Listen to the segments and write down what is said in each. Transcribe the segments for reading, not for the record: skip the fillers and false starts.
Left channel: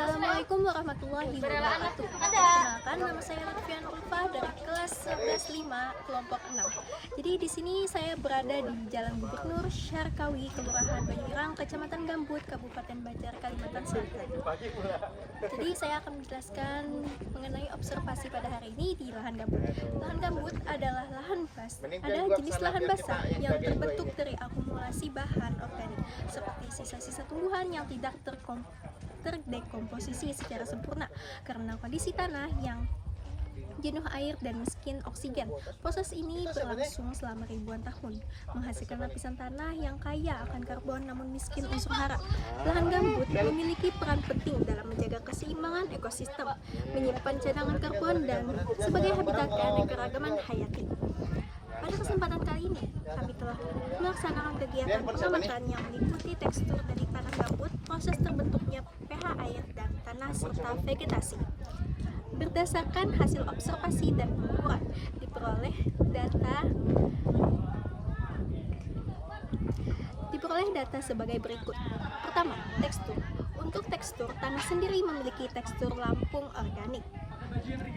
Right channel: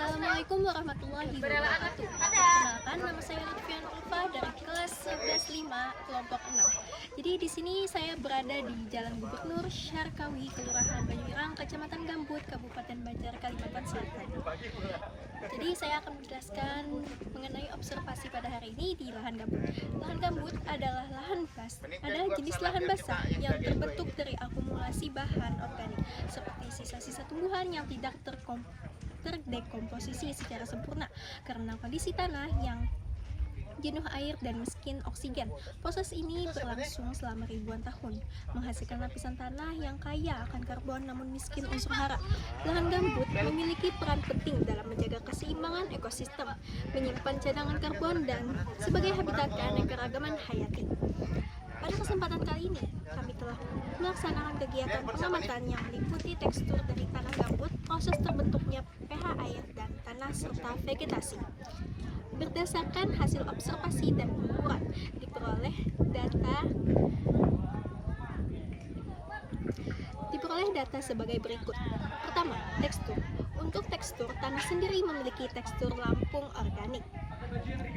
Assalamualaikum warahmatullahi wabarakatuh. Perkenalkan, nama saya Lutfian Ulfa dari kelas 11-5 kelompok 6. Jadi di sini saya berada di Jalan Gubernur Syarkawi, Kelurahan Banyuirang, Kecamatan Gambut, Kabupaten Banjar, Kalimantan Selatan. Jadi saya akan menjelaskan mengenai observasi pada hari ini di lahan gambut. Lahan gambut adalah jenis lahan basah yang terbentuk dari akumulasi bahan organik seperti sisa-sisa tumbuhan yang tidak terdekomposisi secara sempurna karena kondisi tanah yang jenuh air dan miskin oksigen. Proses ini berlangsung selama ribuan tahun, menghasilkan lapisan tanah yang kaya akan karbon namun miskin unsur hara. Lahan gambut memiliki peran penting dalam menjaga keseimbangan ekosistem, menyimpan cadangan karbon, dan sebagai habitat keanekaragaman hayati. Pada kesempatan kali ini, kami telah melaksanakan kegiatan pengamatan yang meliputi tekstur dari tanah gambut, proses terbentuknya pH air dan tanah, serta vegetasi. Berdasarkan hasil observasi dan pengukuran, diperoleh data sebagai berikut. Pertama, tekstur. Untuk tekstur, tanah sendiri memiliki tekstur lampung organik,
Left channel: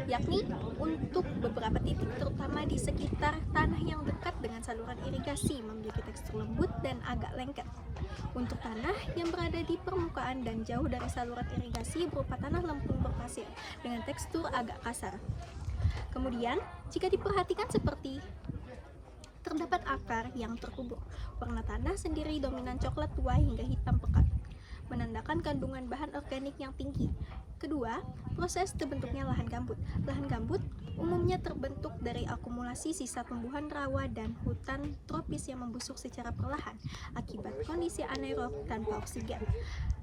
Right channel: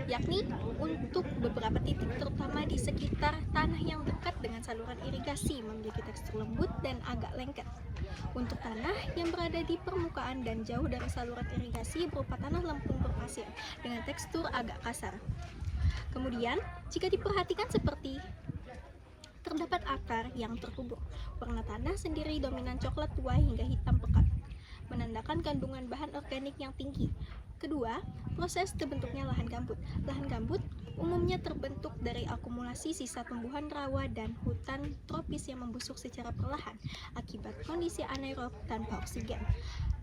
yakni untuk beberapa titik terutama di sekitar tanah yang dekat dengan saluran irigasi memiliki tekstur lembut dan agak lengket. Untuk tanah yang berada di permukaan dan jauh dari saluran irigasi berupa tanah lempung berpasir dengan tekstur agak kasar. Kemudian, jika diperhatikan seperti terdapat akar yang terkubur, warna tanah sendiri dominan coklat tua hingga hitam pekat, menandakan kandungan bahan organik yang tinggi. Kedua, proses terbentuknya lahan gambut. Lahan gambut umumnya terbentuk dari akumulasi sisa tumbuhan rawa dan hutan tropis yang membusuk secara perlahan akibat kondisi anaerob tanpa oksigen.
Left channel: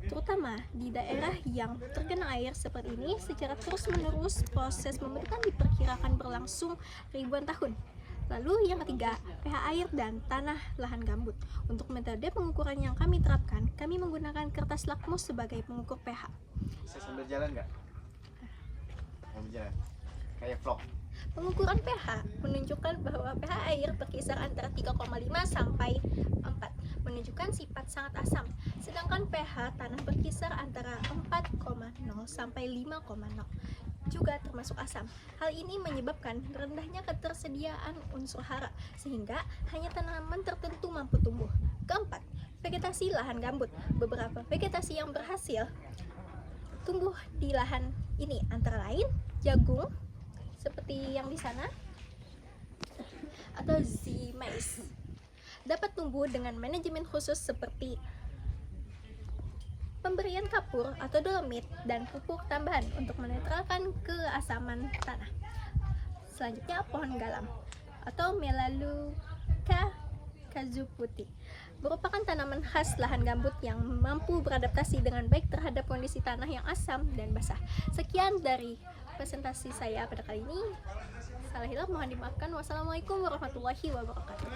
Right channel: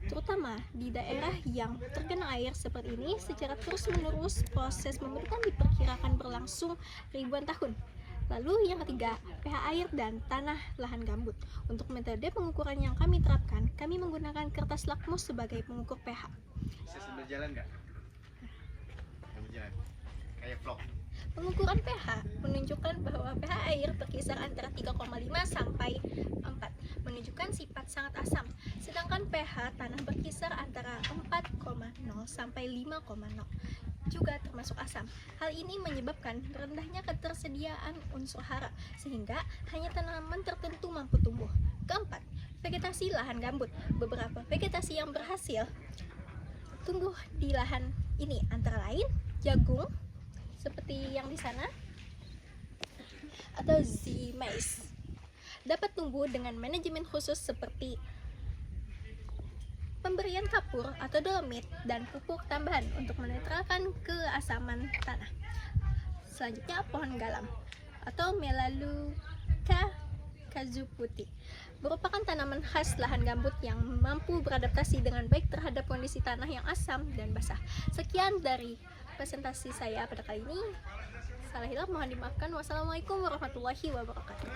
Terutama di daerah yang tergenang air seperti ini, secara terus-menerus proses pembentukan diperkirakan berlangsung ribuan tahun. Lalu yang ketiga, pH air dan tanah lahan gambut. Untuk metode pengukuran yang kami terapkan, kami menggunakan kertas lakmus sebagai pengukur pH. Bisa sambil jalan nggak? Mau jalan? Kayak vlog. Pengukuran pH menunjukkan bahwa pH air berkisar antara 3,5 sampai 4, menunjukkan sifat sangat asam. Sedangkan pH tanah berkisar antara 4,0 sampai 5,0, juga termasuk asam. Hal ini menyebabkan rendahnya ketersediaan unsur hara, sehingga hanya tanaman tertentu mampu tumbuh. Keempat, vegetasi lahan gambut. Beberapa vegetasi yang berhasil tumbuh di lahan ini antara lain jagung, seperti yang di sana, atau mais. Dapat tumbuh dengan manajemen khusus seperti pemberian kapur atau dolomit dan pupuk tambahan untuk menetralkan keasaman tanah. Selanjutnya, pohon galam atau Melaleuca cazuputi merupakan tanaman khas lahan gambut yang mampu beradaptasi dengan baik terhadap kondisi tanah yang asam dan basah. Sekian dari presentasi saya pada kali ini. Salah hilaf mohon dimaafkan. Wassalamualaikum warahmatullahi wabarakatuh.